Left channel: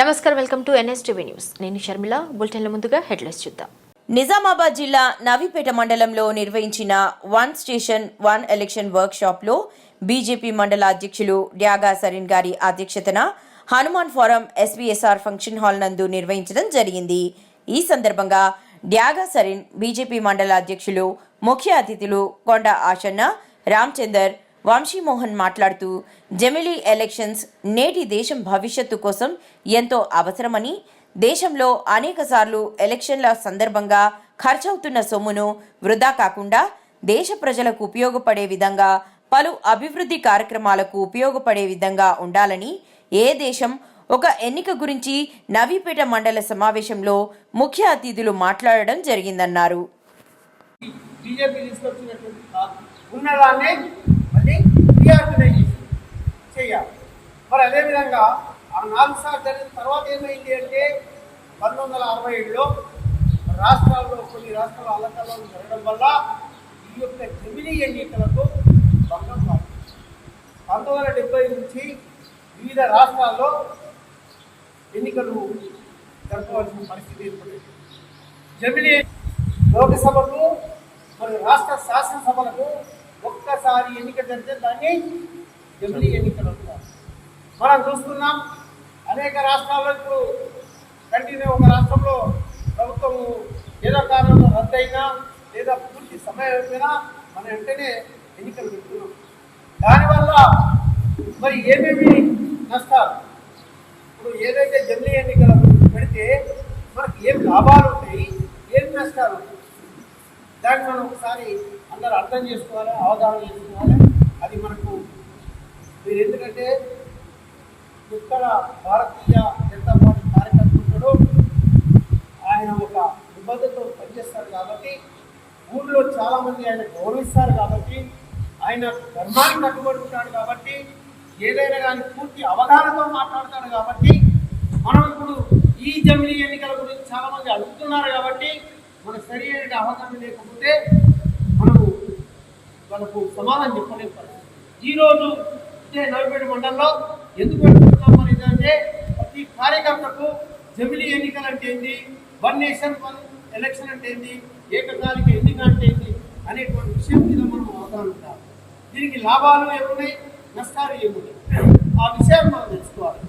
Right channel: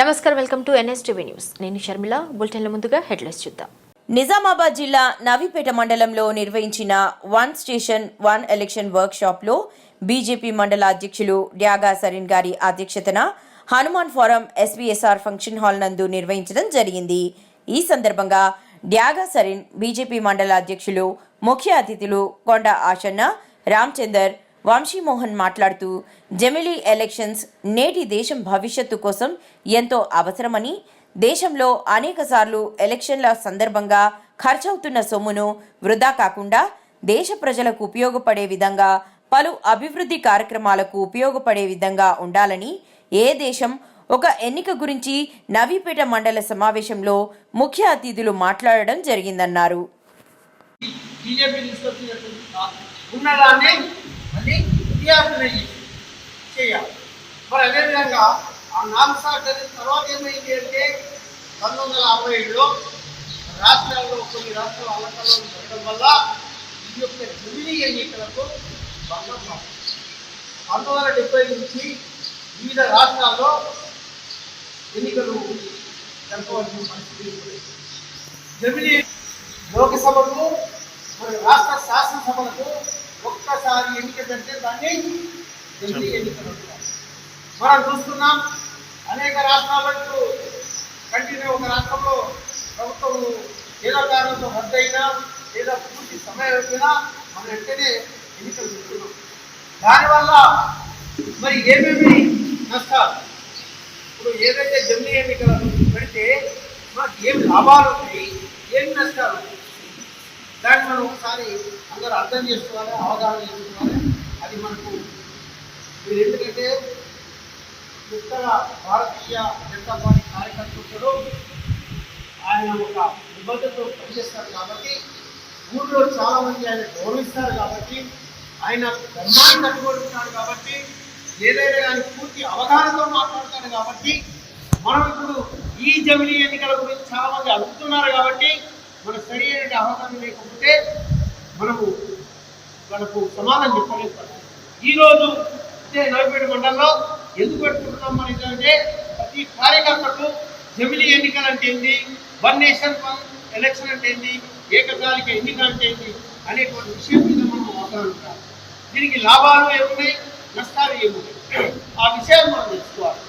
నమస్కారం welcome to NSTV news. నేను షర్మిల. బులెటిన్ల ముందుగా హెడ్లైన్స్ చూద్దాం. నిజామాబాద్ జిల్లా నవీపేట మండలంలో నిర్వహించిన one station one election work షాప్లో బీజేపీ మండల అధ్యక్షులు డ్యాగా సరీన్ గారి అధ్యక్షతన Hanuman forum SVSR function hall నందు నిర్వహించడం జరిగింది. ఈ సందర్భంగా డ్యాగా సరీన్ బీజేపీ మండల అధ్యక్షులు ముఖ్య అతిథులు కొండ ఆశన్న రామచందర్ వంశీమోహన్ మాట్లాడుతూ జమిలీ ఎలక్షన్స్ నేటి దేశం భవిష్యత్తు కోసం ఎంతో అవసరమని దేశంలో అనేకసార్లు ఎలక్షన్ల సందర్భంగా ఖర్చవుతున్న సొమ్మును వృధా కాకుండా దేశ ప్రజలకు ఉపయోగపడే విధంగా పలు అభివృద్ధి కార్యక్రమాలకు ఉపయోగపడే విధంగా ఉండాలని ఏ దేశం ఒక ఎన్నిక గురించి నవీపేట మండల సమావేశంలో ముఖ్య అతిథులు మాట్లాడడం జరిగిందన్నారు. ఫిర్యాదు తీసుకొచ్చినటువంటి చేయాలి. మరి అదేవిధంగా ఆ నాలుగు సార్లు జరిగిన తర్వాత ఏమైంది అంటే పంతొమ్మిది వందల అరవై ఏడులో రాష్ట్రాల్లో కొన్ని రాష్ట్రాల అలంకరణలు జరగడం వల్ల ఈ యొక్క జమిలీ ఎన్నికలకు భంగం కాదు. పంతొమ్మిది వందల డెబ్బై నుంచి వివిధ రాష్ట్రాల్లో ఎన్నికలు జరపవలసిన పరిస్థితి ఏర్పడింది. జమిలీ లోకసభకు మరి రాష్ట్ర శాసనసభలకు ఒక్కసారి ఎన్నిక జరిగితే దాన్ని జమిలీ ఎన్నికలు అంటారు మనం చూస్తున్నాం అనేక రాష్ట్రాల్లో ఇప్పుడు కంటిన్యూ ఒక రాష్ట్రంలో ప్రభుత్వం ఏదో కారణంలో రద్దయినా లేదా పూర్తి సమయం అయినా మనం వెంటనే ఎన్నికలు చెప్తున్నాం దానివల్ల మరి ఏమేమి నష్టాలు? ఇప్పుడు ఏదైతే జమిలీ ఎన్నికలు పెడితే మనకి ఏం లాభాలు ఉన్నాయి ఏం నష్టాలు ఉన్నాయి ఒకసారి అందరూ అర్థం చేసుకోవాలి అవగాహన చేసుకోవాలి. అది మనకు మీరు ఎందుకంటే ఉత్తర భారతీయ జనతా పార్టీ కార్యకర్తలు ఆయన ఒక నిబద్ధతతో పనిచేస్తారు కాబట్టి ఊళ్ళో చాలామంది ఆయన గౌరవిస్తారు కాబట్టి ఆయన ధర్మాన్ని కట్టుకుంటున్నాడు కాబట్టి ఏదైనా కానీ పూర్తి అవగాహనతో మాట్లాడతాడు కాబట్టి మనం ఇప్పుడు ఈ జమిలీ ఎన్నికల గురించి చాలామంది అడుగుతున్నారు కాబట్టి మన సరి అయిన అవగాహన లేకపోతే మనము మనకు సమాధానం చెప్పలేకపోతాం ఈరోజు ఇదే నవిపేట మండలంలో ఎందుకు పెట్టుకుంటున్నాం అనేది అంటే ప్రతి కార్యకర్తకు జమిలీ ఎన్నికలు అంటే ఏంటి వన్ నేషన్ వన్ ఎలక్షన్ అంటే ఏంటి ఏకకాలిక ఎన్నిక అంటే ఏంటి అనేటువంటి విషయం మీద మనం అవగాహన ఉంటాం దీనికి లాభాలు ఏమున్నాయి? నష్టాలు ఏమున్నాయి? ఆ విషయం మనం తెలుసుకోవాలి.